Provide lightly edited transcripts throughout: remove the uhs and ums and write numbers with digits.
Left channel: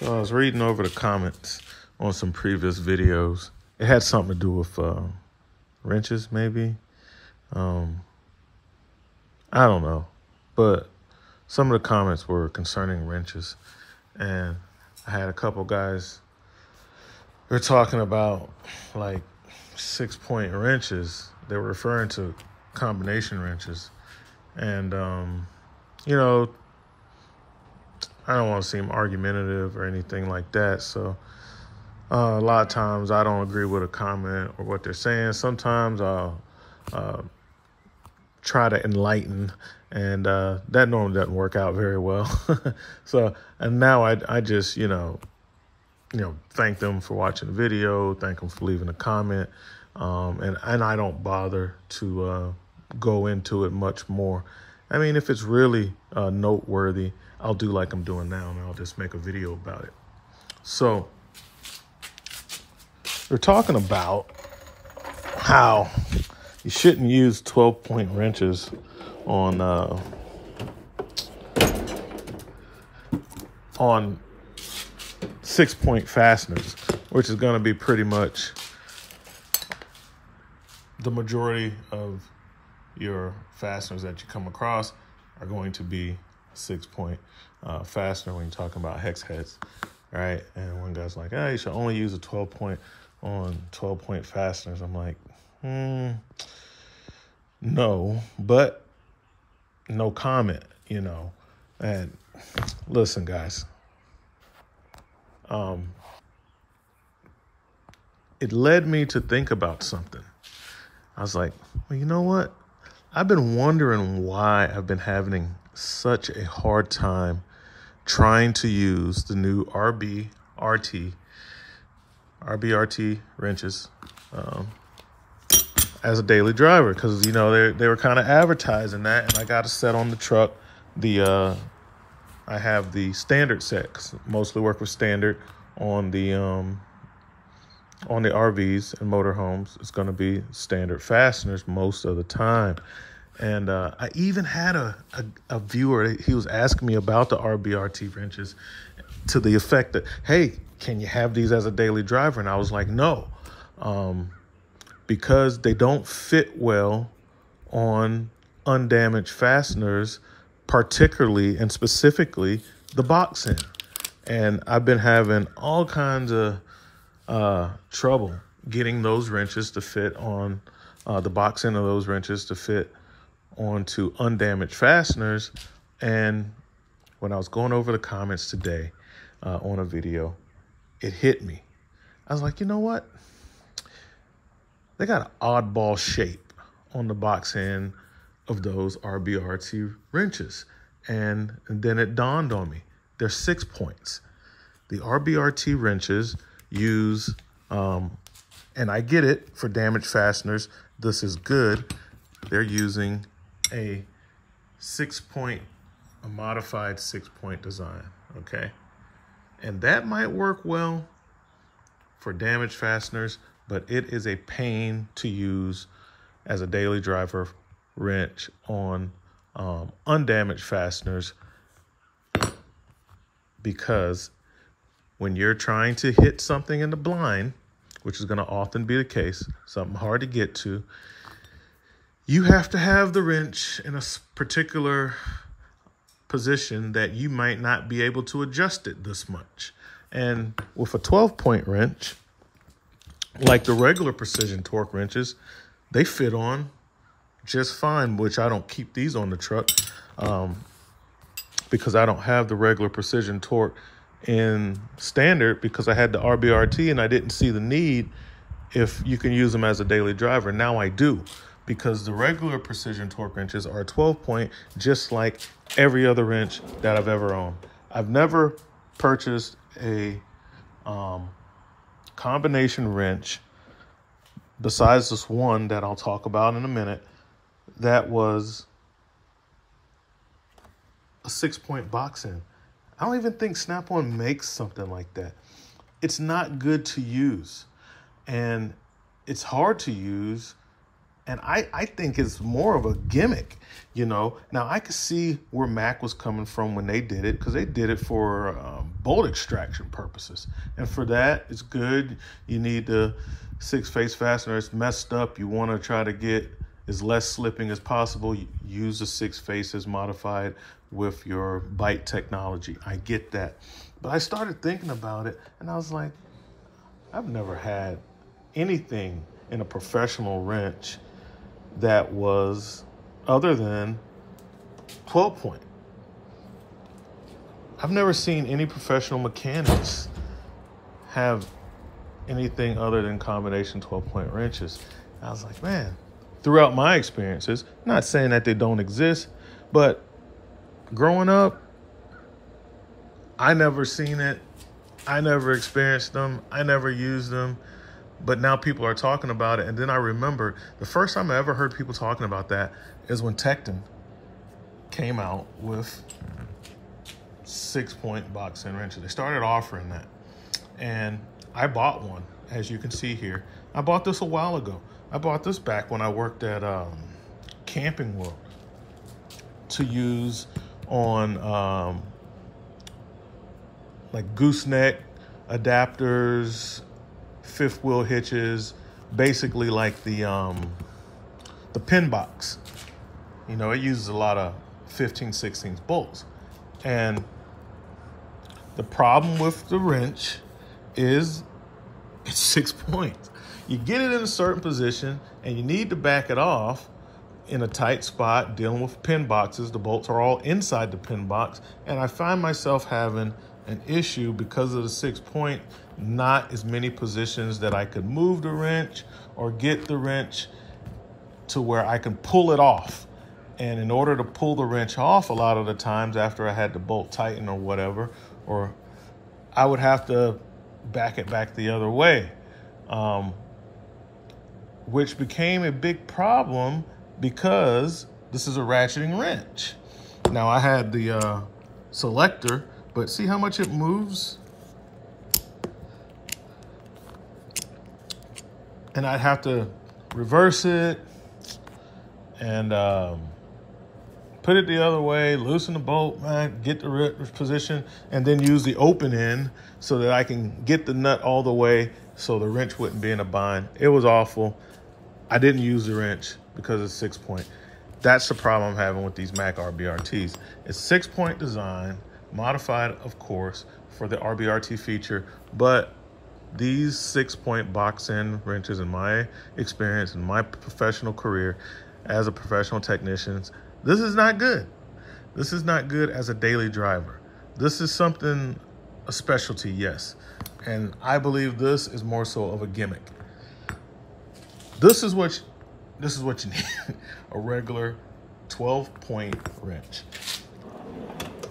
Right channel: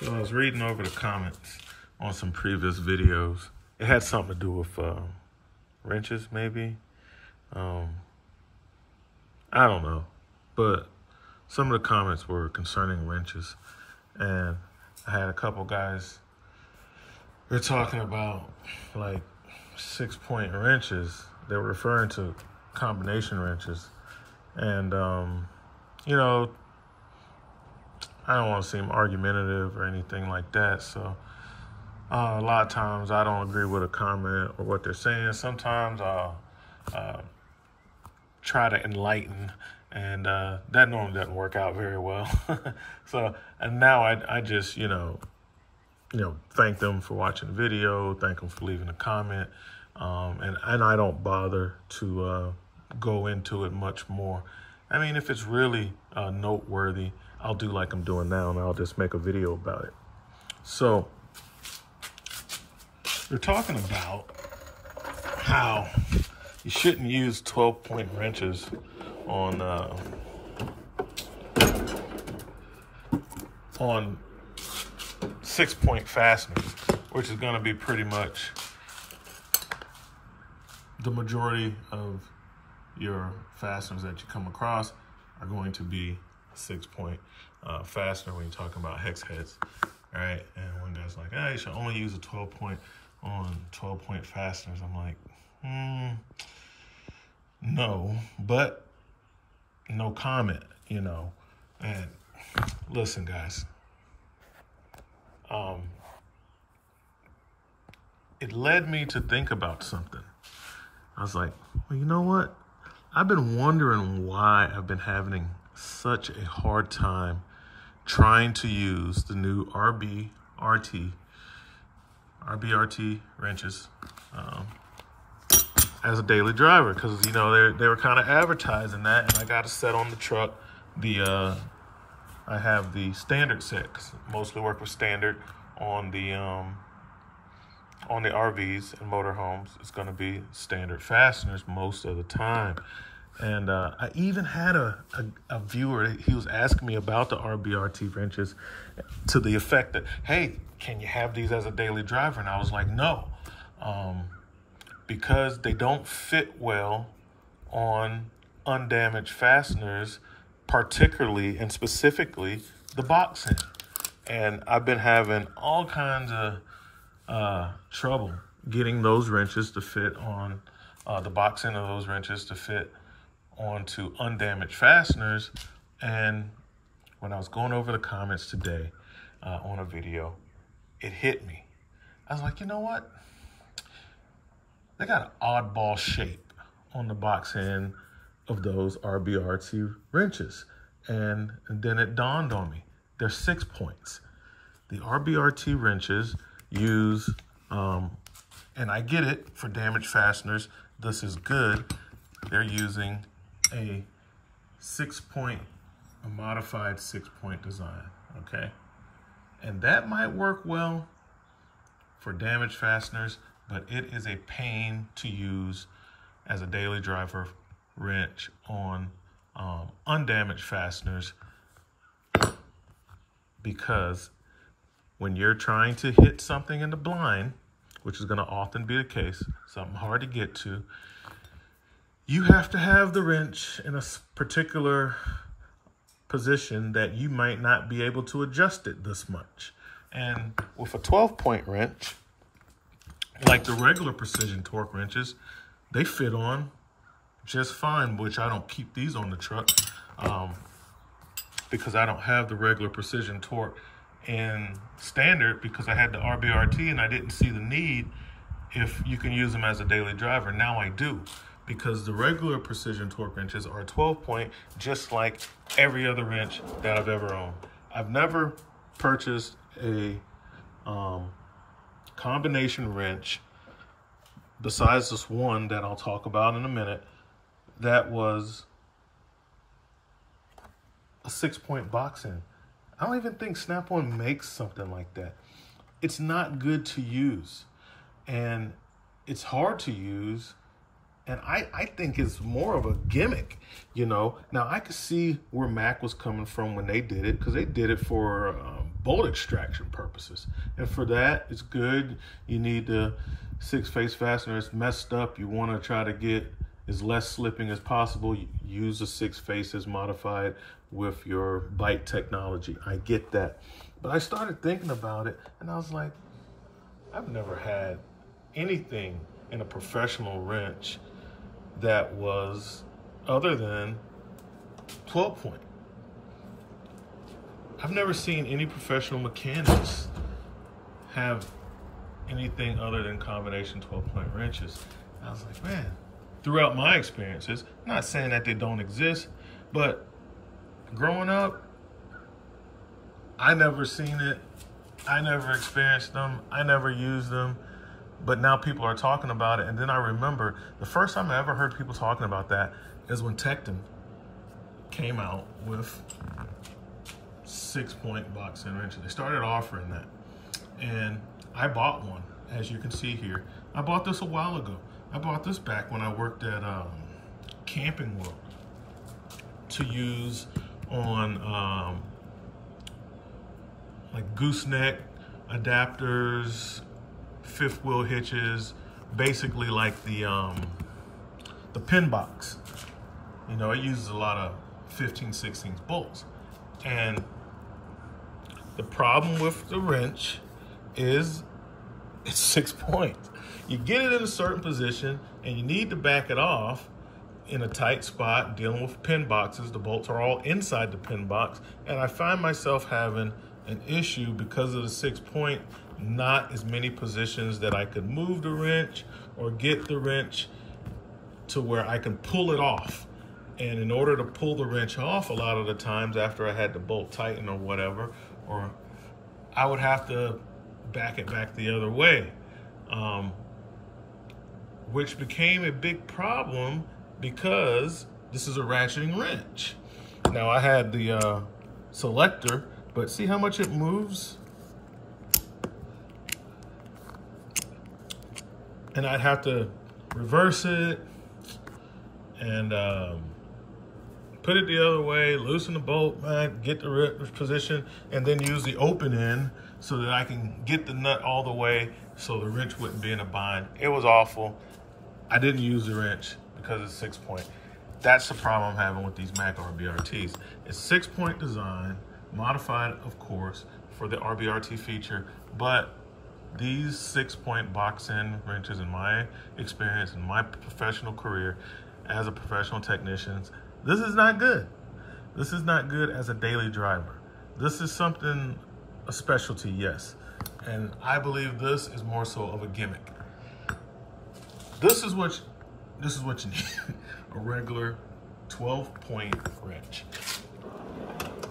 So I was reading over the comments on some previous videos. It had something to do with wrenches, maybe. I don't know. But some of the comments were concerning wrenches. And I had a couple guys, they're talking about like 6-point wrenches. They were referring to combination wrenches. And, you know, I don't want to seem argumentative or anything like that. So a lot of times I don't agree with a comment or what they're saying. Sometimes I'll try to enlighten, and that normally doesn't work out very well. So, and now I just, you know, thank them for watching the video, thank them for leaving a comment, and I don't bother to go into it much more. I mean, if it's really noteworthy, I'll do like I'm doing now, and I'll just make a video about it. So we're talking about how you shouldn't use 12-point wrenches on 6-point fasteners, which is going to be pretty much the majority of your fasteners that you come across are going to be 6-point fastener when you're talking about hex heads, right? And one guy's like, you should only use a 12-point on 12-point fasteners. I'm like, no, but no comment, you know. And listen, guys, it led me to think about something. I was like, well, you know what? I've been wondering why I've been having such a hard time trying to use the new RBRT wrenches as a daily driver, because, you know, they were kind of advertising that, and I got a set on the truck. I have the standard set, 'cause mostly work with standard on the RVs and motorhomes. It's going to be standard fasteners most of the time. And I even had a viewer, he was asking me about the RBRT wrenches to the effect that, hey, can you have these as a daily driver? And I was like, no, because they don't fit well on undamaged fasteners, particularly and specifically the box end. And I've been having all kinds of trouble getting those wrenches to fit on the box end of those wrenches to fit onto undamaged fasteners. And when I was going over the comments today on a video, it hit me. I was like, you know what? They got an oddball shape on the box end of those RBRT wrenches. And then it dawned on me, they're 6 points. The RBRT wrenches use, and I get it, for damaged fasteners, this is good. They're using a 6-point, a modified 6-point design, okay? And that might work well for damaged fasteners, but it is a pain to use as a daily driver wrench on undamaged fasteners, because when you're trying to hit something in the blind, which is going to often be the case, something hard to get to, you have to have the wrench in a particular position that you might not be able to adjust it this much. And with a 12-point wrench, like the regular precision torque wrenches, they fit on just fine, which I don't keep these on the truck because I don't have the regular precision torque in standard, because I had the RBRT and I didn't see the need if you can use them as a daily driver. Now I do, because the regular precision torque wrenches are a 12-point, just like every other wrench that I've ever owned. I've never purchased a combination wrench besides this one that I'll talk about in a minute that was a 6-point box end. I don't even think Snap-on makes something like that. It's not good to use, and it's hard to use And I think it's more of a gimmick, you know. Now, I could see where MAC was coming from when they did it, because they did it for bolt extraction purposes. And for that, it's good. You need the 6-face fastener. It's messed up. You want to try to get as less slipping as possible. You use the 6 faces modified with your bite technology. I get that. But I started thinking about it, and I was like, I've never had anything in a professional wrench that was other than 12 point. I've never seen any professional mechanics have anything other than combination 12 point wrenches. And I was like, man, throughout my experiences, not saying that they don't exist, but growing up, I never seen it. I never experienced them. I never used them. But now people are talking about it. And then I remember the first time I ever heard people talking about that is when Tecton came out with 6-point box end wrenches. They started offering that. And I bought one, as you can see here. I bought this a while ago. I bought this back when I worked at Camping World to use on like gooseneck adapters, fifth wheel hitches, basically like the pin box. You know, it uses a lot of 15/16 bolts. And the problem with the wrench is it's 6 points. You get it in a certain position and you need to back it off in a tight spot dealing with pin boxes. The bolts are all inside the pin box. And I find myself having an issue because of the 6 point, not as many positions that I could move the wrench or get the wrench to where I can pull it off. And in order to pull the wrench off, a lot of the times after I had the bolt tighten or whatever, or I would have to back it back the other way, which became a big problem because this is a ratcheting wrench. Now I had the selector, but see how much it moves? And I'd have to reverse it and put it the other way, loosen the bolt, get the position, and then use the open end so that I can get the nut all the way so the wrench wouldn't be in a bind. It was awful. I didn't use the wrench because it's 6 point. That's the problem I'm having with these MAC RBRTs. It's 6 point design, modified, of course, for the RBRT feature, but these 6 point box end wrenches, in my experience, in my professional career as a professional technician, this is not good. This is not good as a daily driver. This is something, a specialty, yes. And I believe this is more so of a gimmick. This is what you need, a regular 12-point wrench.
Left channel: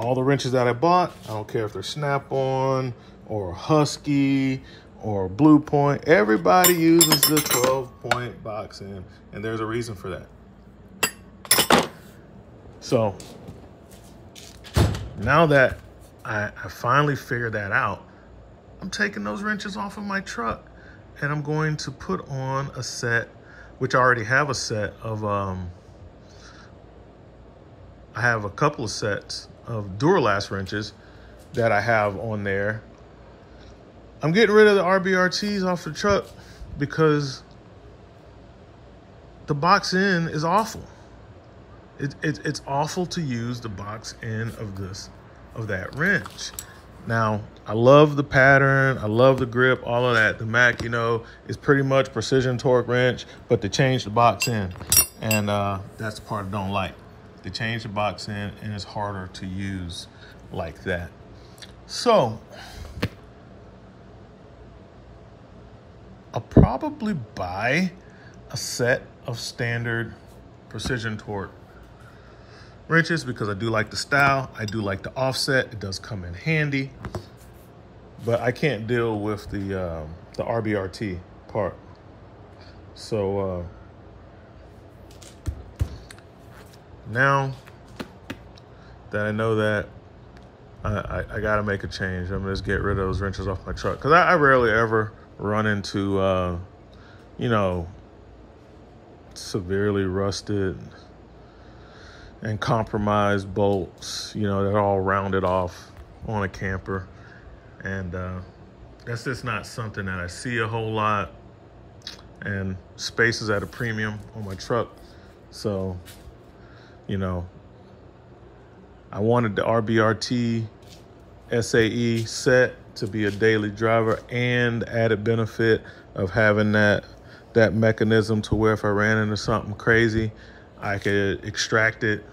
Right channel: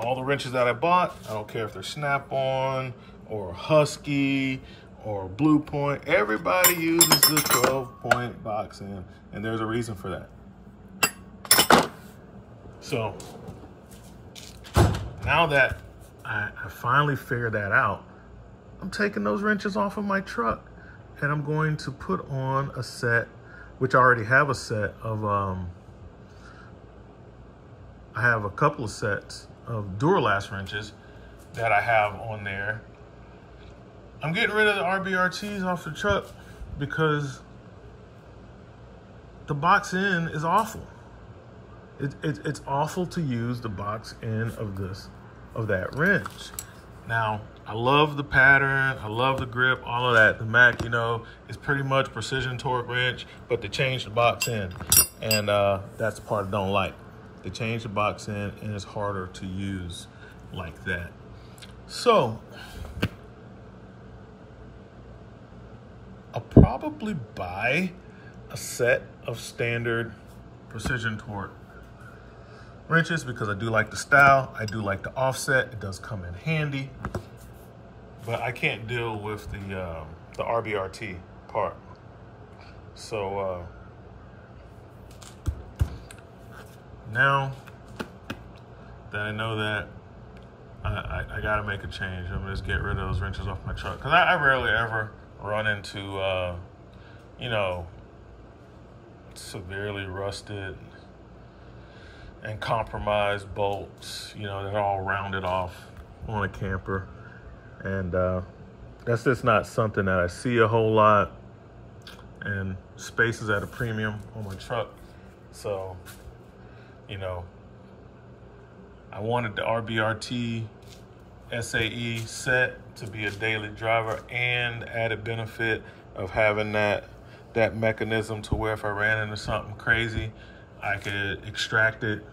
All the wrenches that I bought, I don't care if they're Snap-on or Husky or Blue Point, everybody uses the 12-point box end, and there's a reason for that. So now that I finally figured that out, I'm taking those wrenches off of my truck and I'm going to put on a set, which I already have a set of, I have a couple of sets of Duralast wrenches that I have on there. I'm getting rid of the RBRTs off the truck because the box end is awful. It's awful to use the box end of that wrench. Now, I love the pattern, I love the grip, all of that. The MAC, you know, is pretty much precision torque wrench, but they changed the box end. And that's the part I don't like. They changed the box end and it's harder to use like that. So, I'll probably buy a set of standard precision torque wrenches because I do like the style, I do like the offset, it does come in handy, but I can't deal with the RBRT part. So now that I know that, I gotta make a change. I'm gonna just get rid of those wrenches off my truck because I rarely ever run into, you know, severely rusted and compromised bolts, you know, that are all rounded off on a camper. And that's just not something that I see a whole lot. And space is at a premium on my truck. So, you know, I wanted the RBRT SAE set to be a daily driver, and added benefit of having that mechanism to where if I ran into something crazy, I could extract it.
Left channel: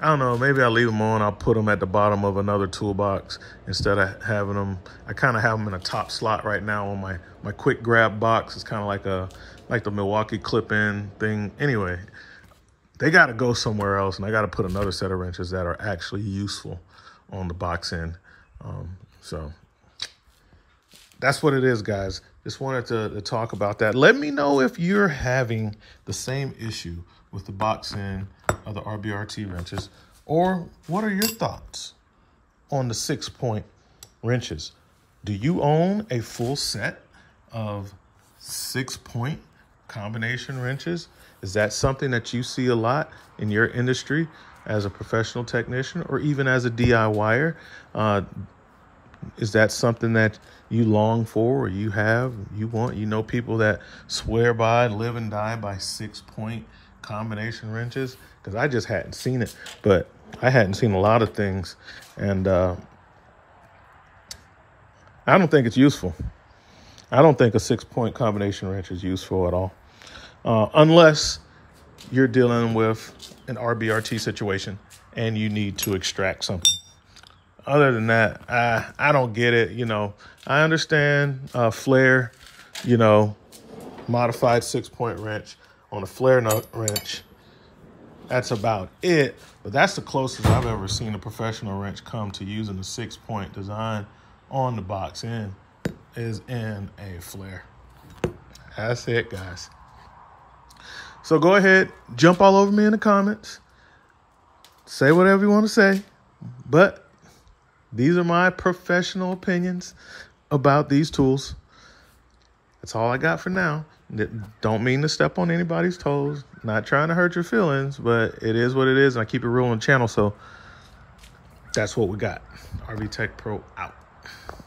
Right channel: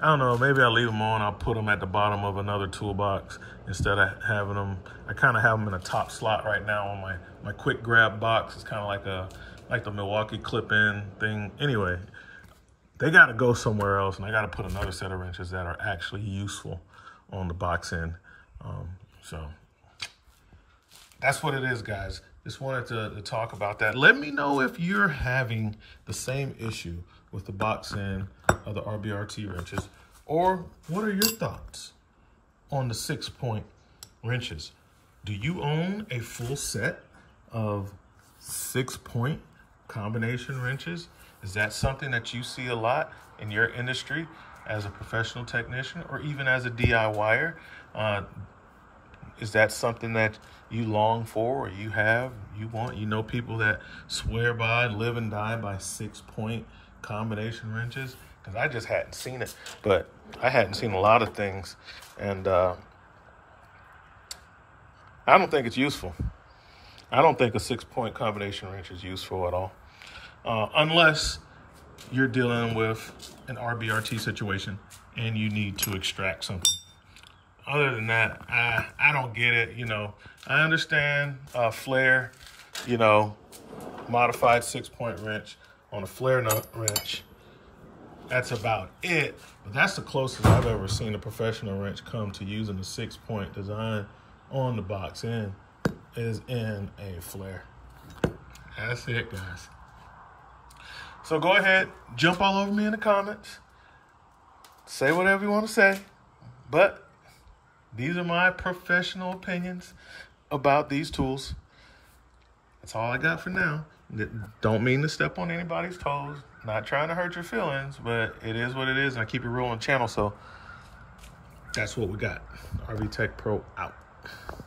I don't know, maybe I'll leave them on. I'll put them at the bottom of another toolbox instead of having them. I kind of have them in a top slot right now on my quick grab box. It's kind of like the Milwaukee clip-in thing. Anyway, they got to go somewhere else, and I got to put another set of wrenches that are actually useful on the box end. So that's what it is, guys. Just wanted to talk about that. Let me know if you're having the same issue with the box end of the RBRT wrenches, or what are your thoughts on the 6-point wrenches? Do you own a full set of 6-point combination wrenches? Is that something that you see a lot in your industry as a professional technician, or even as a DIYer? Is that something that you long for, or you want? You know people that swear by, live and die by 6-point combination wrenches? Because I just hadn't seen it, but I hadn't seen a lot of things, and I don't think it's useful. I don't think a 6-point combination wrench is useful at all, unless you're dealing with an RBRT situation and you need to extract something. Other than that, I don't get it. You know, I understand flare, you know, modified 6-point wrench on a flare nut wrench. That's about it. But that's the closest I've ever seen a professional wrench come to using the 6-point design on the box end, is in a flare. That's it, guys. So go ahead, jump all over me in the comments. Say whatever you want to say. But these are my professional opinions about these tools. That's all I got for now. Don't mean to step on anybody's toes. Not trying to hurt your feelings, but it is what it is. And I keep it real on the channel, so that's what we got. RV Tech Pro out.